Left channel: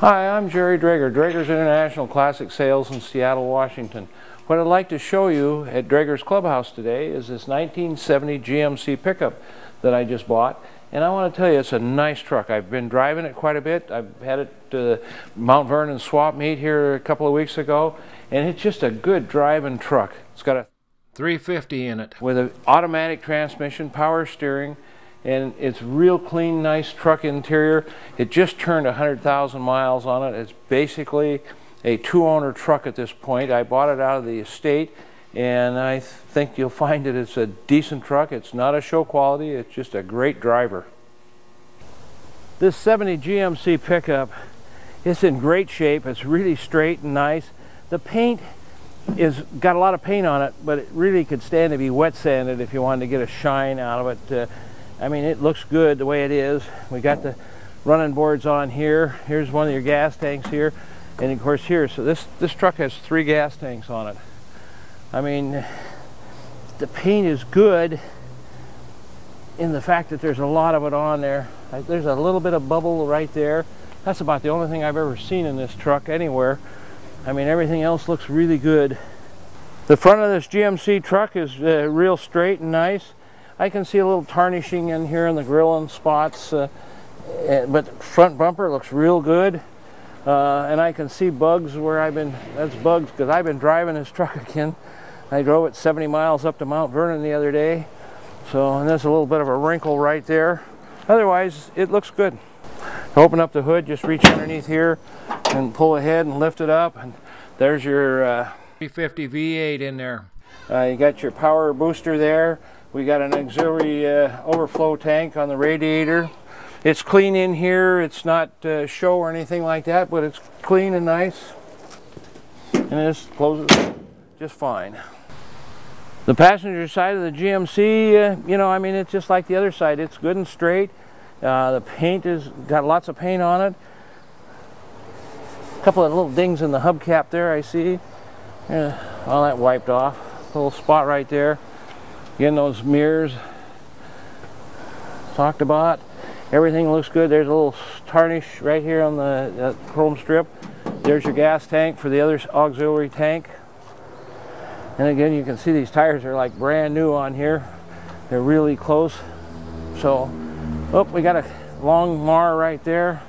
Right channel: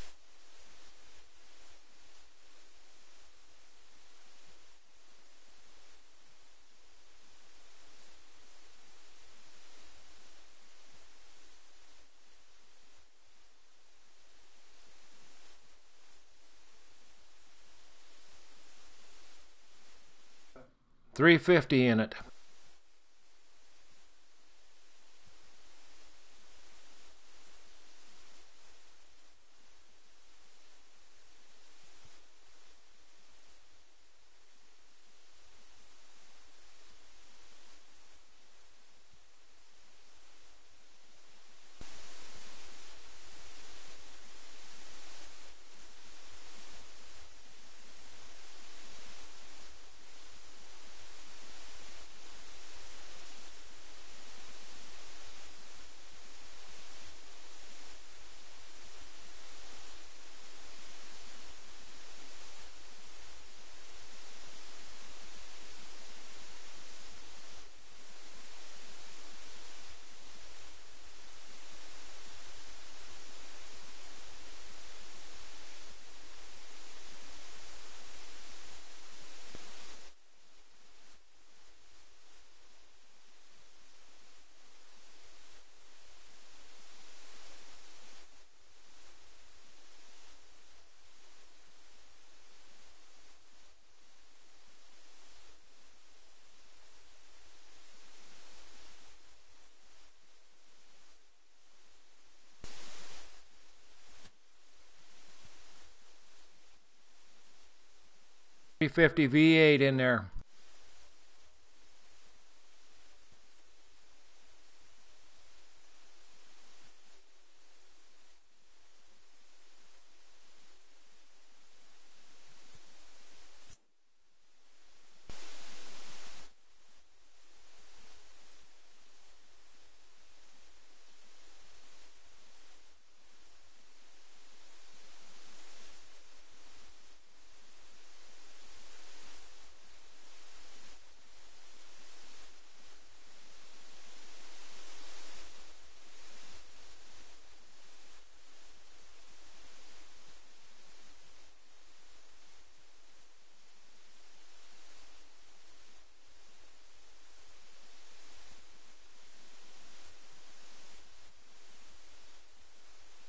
Hi, I'm Jerry Drager, Drager's International Classic Sales in Seattle, Washington. What I'd like to show you at Drager's Clubhouse today is this 1970 GMC pickup that I just bought. And I want to tell you, it's a nice truck. I've been driving it quite a bit. I've had it to the Mount Vernon swap meet here a couple of weeks ago, and it's just a good driving truck. It's got a 350 in it with an automatic transmission, power steering, and it's real clean, nice truck interior. It just turned 100,000 miles on it. It's basically a two-owner truck at this point. I bought it out of the estate, and I think you'll find that it's a decent truck. It's not a show quality, it's just a great driver. This 70 GMC pickup, it's in great shape. It's really straight and nice. The paint is got a lot of paint on it, but it really could stand to be wet sanded if you wanted to get a shine out of it. I mean, it looks good the way it is. We got the running boards on here. Here's one of your gas tanks here, and of course here. So this truck has 3 gas tanks on it. I mean, the paint is good in the fact that there's a lot of it on there. There's a little bit of bubble right there. That's about the only thing I've ever seen in this truck anywhere. I mean, everything else looks really good. The front of this GMC truck is real straight and nice. I can see a little tarnishing in here in the grill and spots, but the front bumper looks real good. And I can see bugs where that's bugs because I've been driving this truck again. I drove it 70 miles up to Mount Vernon the other day. So, and there's a little bit of a wrinkle right there. Otherwise, it looks good. Open up the hood, just reach underneath here and pull ahead and lift it up. And there's your 350 V8 in there. You got your power booster there. We got an auxiliary overflow tank on the radiator. It's clean in here. It's not show or anything like that, but it's clean and nice. And this closes just fine. The passenger side of the GMC, you know, I mean, it's just like the other side. It's good and straight. The paint has got lots of paint on it. A couple of little dings in the hubcap there, I see. All that wiped off. A little spot right there. Again, those mirrors talked about. Everything looks good. There's a little tarnish right here on the chrome strip. There's your gas tank for the other auxiliary tank. And again, you can see these tires are like brand new on here. They're really close. So, oh, we got a long mar right there.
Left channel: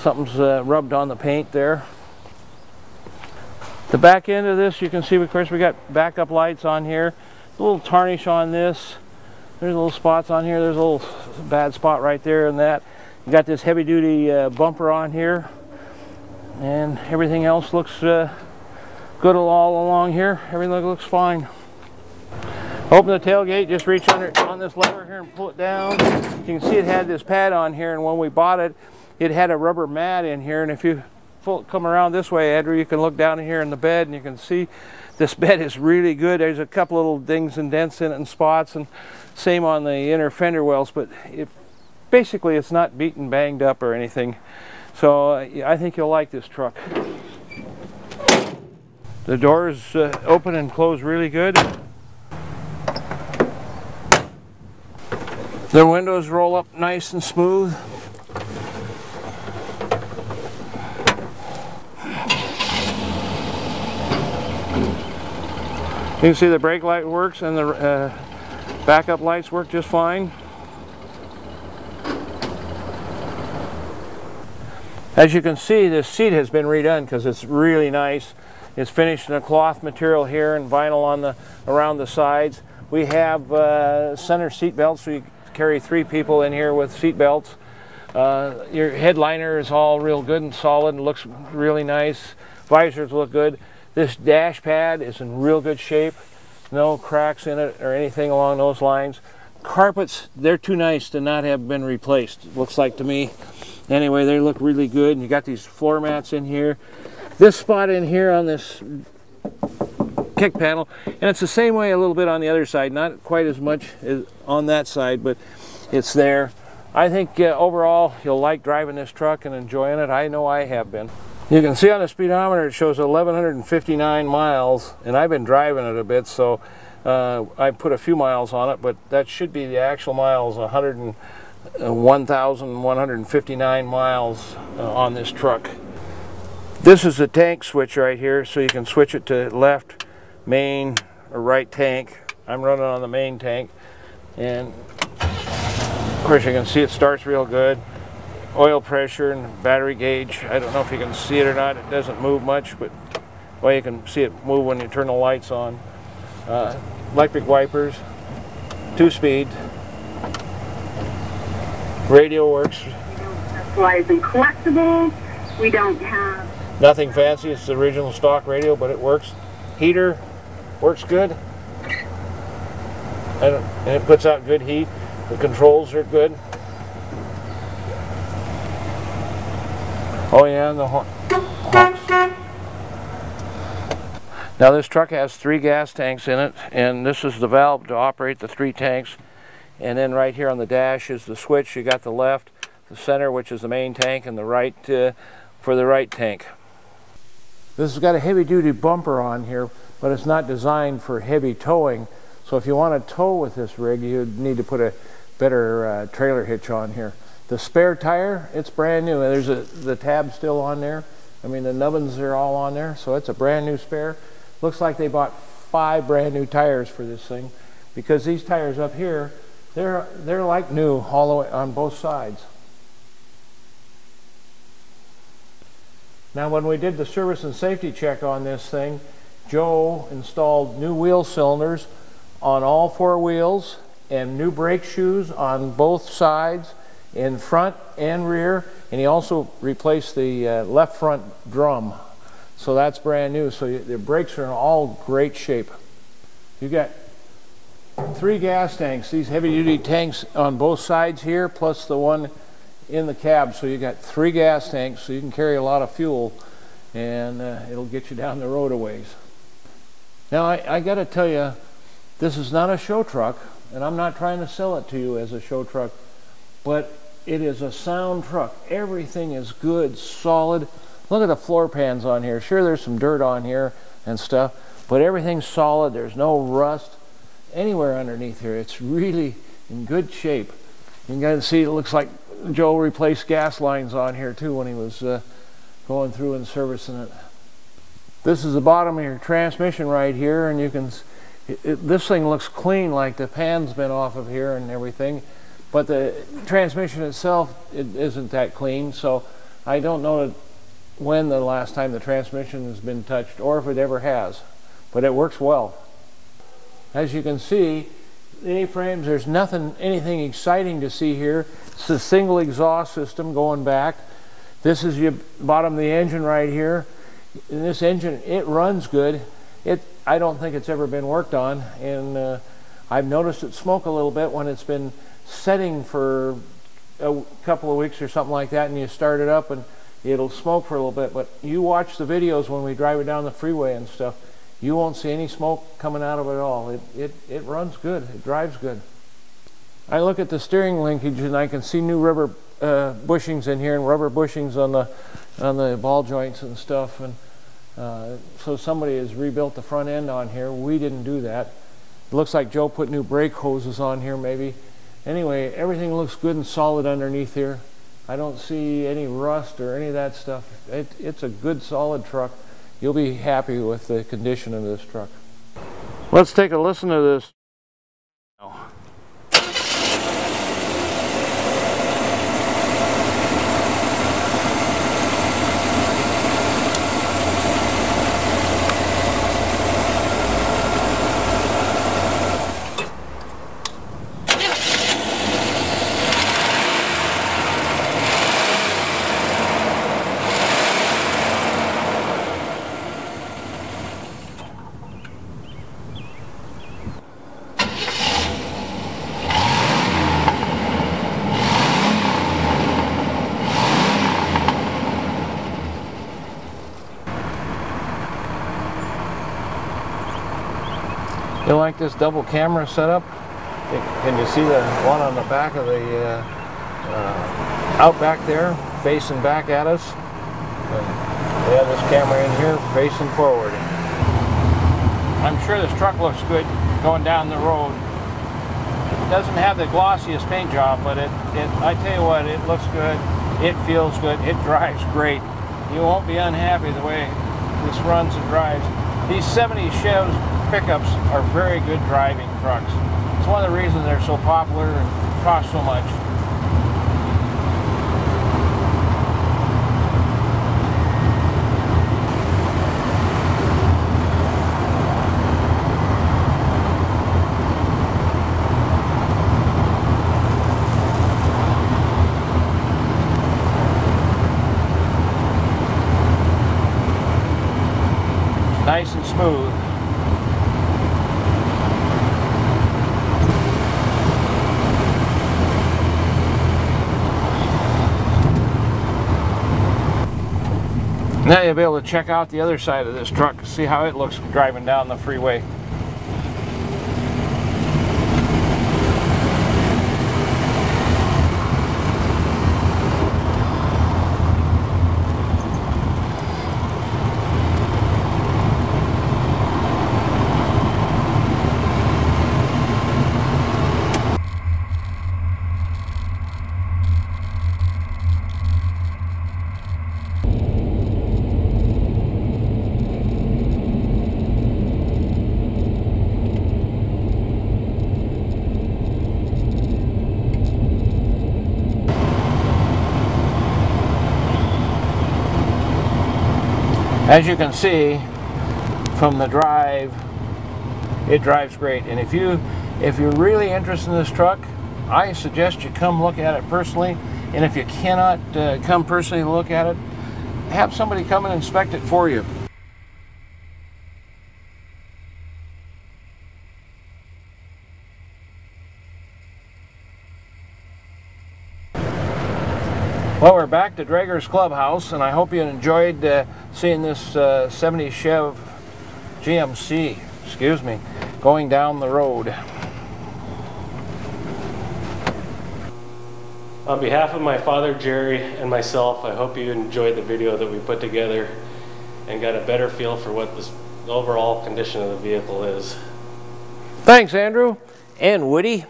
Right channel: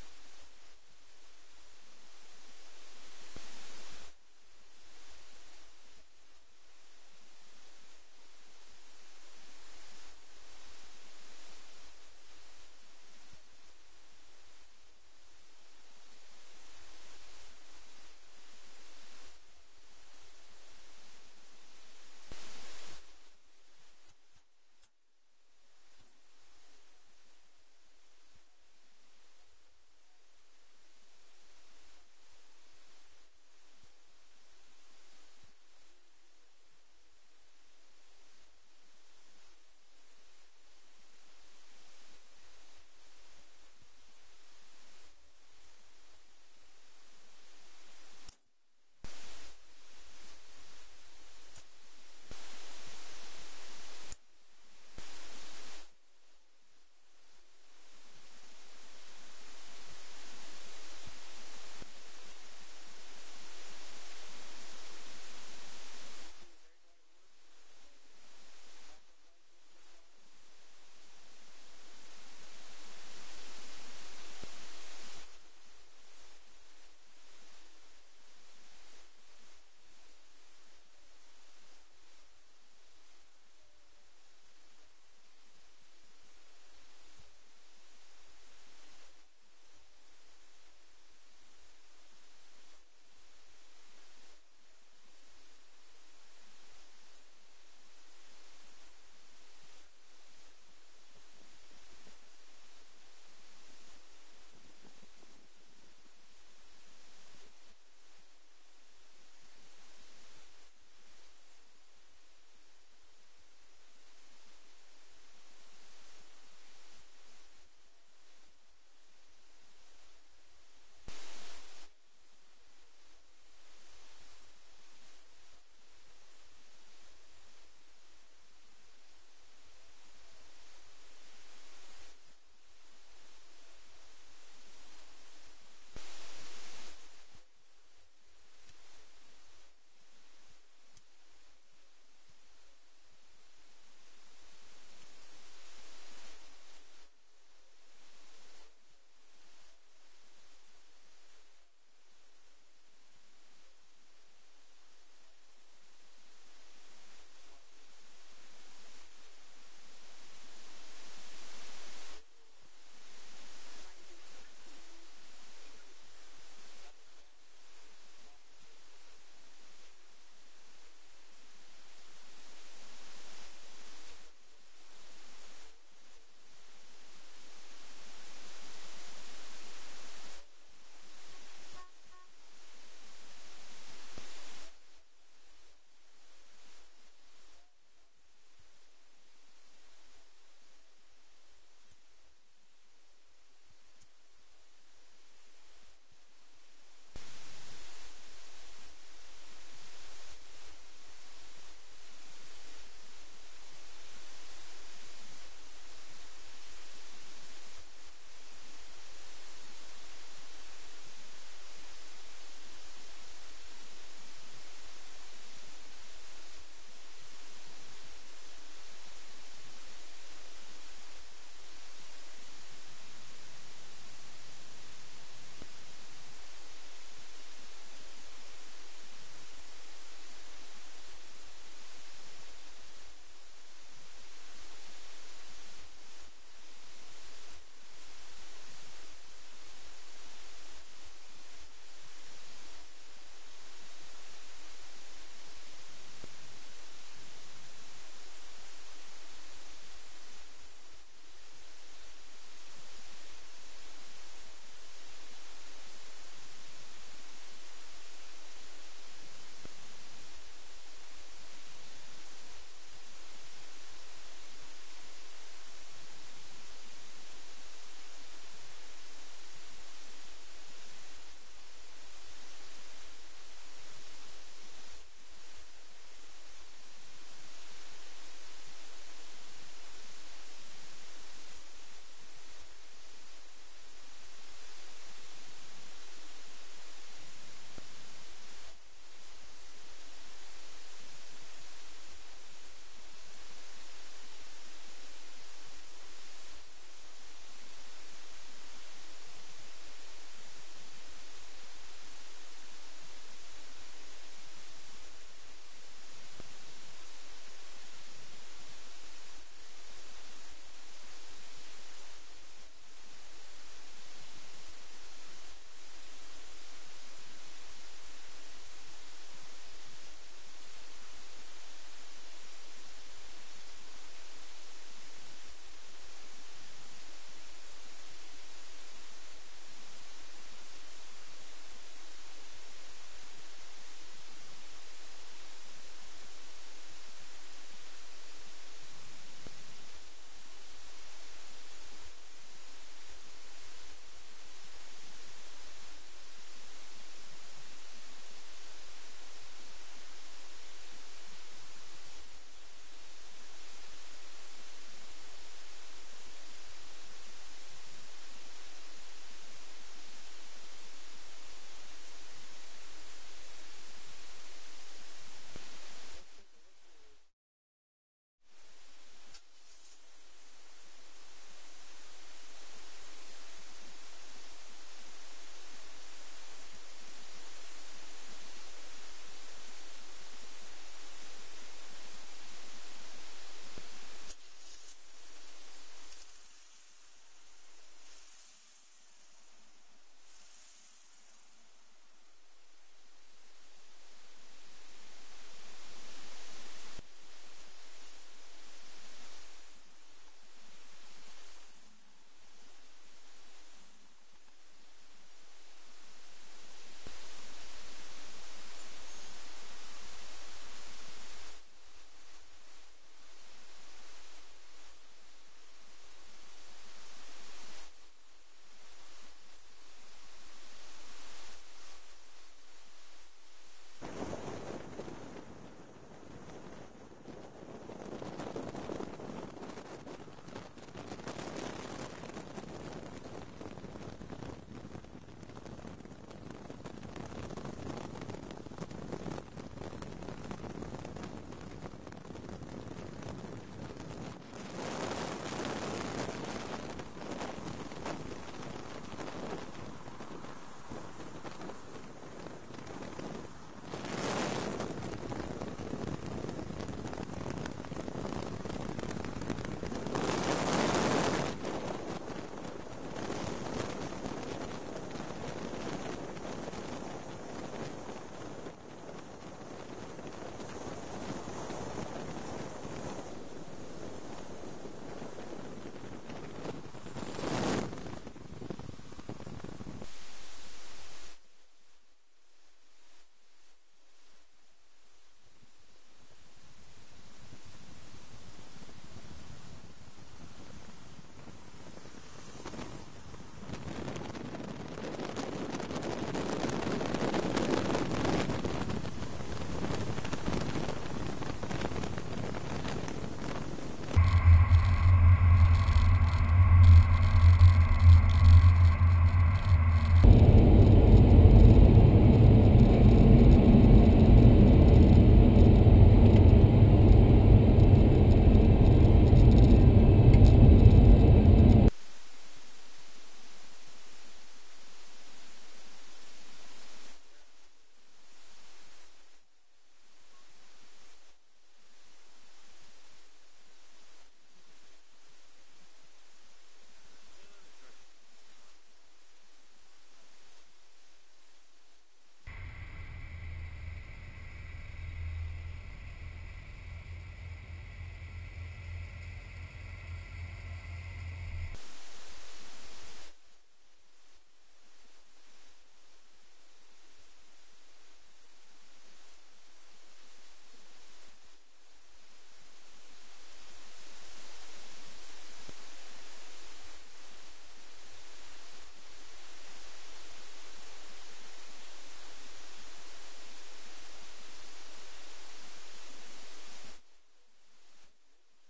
Something's rubbed on the paint there. The back end of this, you can see, of course, we got backup lights on here. A little tarnish on this. There's little spots on here. There's a little bad spot right there and that. You got this heavy duty bumper on here. And everything else looks good all along here. Everything looks fine. Open the tailgate, just reach under on this lever here and pull it down. You can see it had this pad on here, and when we bought it, it had a rubber mat in here. And if you come around this way, Andrew, you can look down in here in the bed and you can see this bed is really good. There's a couple little dings and dents in it and spots, and same on the inner fender wells, but basically it's not beaten, banged up or anything. So I think you'll like this truck. The doors open and close really good. The windows roll up nice and smooth. You can see the brake light works and the backup lights work just fine. As you can see, this seat has been redone because it's really nice. It's finished in a cloth material here and vinyl on around the sides. We have center seat belts, so you carry 3 people in here with seat belts. Your headliner is all real good and solid and looks really nice. Visors look good. This dash pad is in real good shape. No cracks in it or anything along those lines. Carpets, they're too nice to not have been replaced, looks like to me. Anyway, they look really good. And you got these floor mats in here. This spot in here on this kick panel, and it's the same way a little bit on the other side, not quite as much as on that side, but it's there. I think overall you'll like driving this truck and enjoying it. I know I have been. You can see on the speedometer it shows 1,159 miles, and I've been driving it a bit, so I put a few miles on it, but that should be the actual miles, 1,159 miles on this truck. This is the tank switch right here, so you can switch it to left, main, or right tank. I'm running on the main tank, and of course you can see it starts real good. Oil pressure and battery gauge. I don't know if you can see it or not. It doesn't move much, but well, you can see it move when you turn the lights on. Electric wipers, 2-speed. Radio works. We don't specialize in collectibles. We don't have nothing fancy. It's the original stock radio, but it works. Heater works good. And it puts out good heat. The controls are good. Oh yeah, and the honks. Now this truck has 3 gas tanks in it, and this is the valve to operate the 3 tanks. And then right here on the dash is the switch. You got the left, the center, which is the main tank, and the right for the right tank. This has got a heavy-duty bumper on here, but it's not designed for heavy towing. So if you want to tow with this rig, you need to put a better trailer hitch on here. The spare tire, it's brand new. There's the tab still on there. I mean, the nubbins are all on there, so it's a brand new spare. Looks like they bought 5 brand new tires for this thing, because these tires up here, they're like new all the way on both sides. Now when we did the service and safety check on this thing, Joe installed new wheel cylinders on all 4 wheels and new brake shoes on both sides, in front and rear, and he also replaced the left front drum. So that's brand new. So the brakes are in all great shape. You got 3 gas tanks, these heavy-duty tanks on both sides here, plus the one in the cab. So you got 3 gas tanks, so you can carry a lot of fuel, and it'll get you down the road a ways. Now I got to tell you, this is not a show truck, and I'm not trying to sell it to you as a show truck, but it is a sound truck. Everything is good, solid. Look at the floor pans on here. Sure, there's some dirt on here and stuff, but everything's solid. There's no rust anywhere underneath here. It's really in good shape. You can see it looks like Joe replaced gas lines on here too when he was going through and servicing it. This is the bottom of your transmission right here, and you can this thing looks clean, like the pan's been off of here and everything, but the transmission itself, it isn't that clean. So I don't know when the last time the transmission has been touched, or if it ever has, but it works well. As you can see, the A-frames, there's anything exciting to see here. It's a single exhaust system going back. This is your bottom of the engine right here. And this engine, it runs good. I don't think it's ever been worked on, and I've noticed it smoke a little bit when it's been setting for a couple of weeks or something like that, and you start it up and it'll smoke for a little bit. But you watch the videos when we drive it down the freeway and stuff, you won't see any smoke coming out of it at all. It runs good. It drives good. I look at the steering linkage and I can see new rubber bushings in here, and rubber bushings on the ball joints and stuff. And so somebody has rebuilt the front end on here. We didn't do that. It looks like Joe put new brake hoses on here maybe. Anyway, everything looks good and solid underneath here. I don't see any rust or any of that stuff. It's a good solid truck. You'll be happy with the condition of this truck. Let's take a listen to this. You like this double camera setup? Can you see the one on the back of the out back there, facing back at us? And we have this camera in here facing forward. I'm sure this truck looks good going down the road. doesn't have the glossiest paint job, but I tell you what, it looks good, it feels good, it drives great. You won't be unhappy the way this runs and drives. These 70 Chevs pickups are very good driving trucks. It's one of the reasons they're so popular and cost so much. Nice and smooth. Now you'll be able to check out the other side of this truck, see how it looks driving down the freeway. As you can see from the drive, it drives great. And if you're really interested in this truck, I suggest you come look at it personally. And if you cannot come personally look at it, have somebody come and inspect it for you. Well, we're back to Drager's Clubhouse, and I hope you enjoyed seeing this 70 Chev GMC, going down the road. On behalf of my father, Jerry, and myself, I hope you enjoyed the video that we put together and got a better feel for what the overall condition of the vehicle is. Thanks, Andrew and Woody.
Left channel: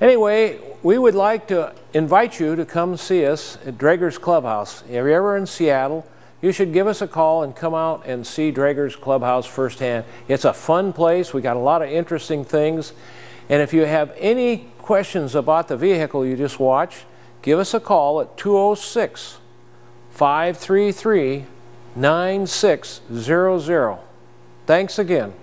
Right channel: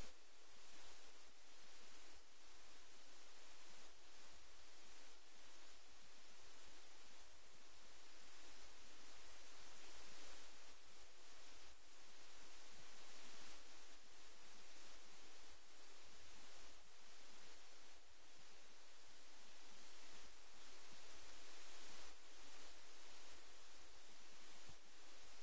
Anyway, we would like to invite you to come see us at Drager's Clubhouse. If you're ever in Seattle, you should give us a call and come out and see Drager's Clubhouse firsthand. It's a fun place. We got a lot of interesting things. And if you have any questions about the vehicle you just watched, give us a call at 206-533-9600. Thanks again.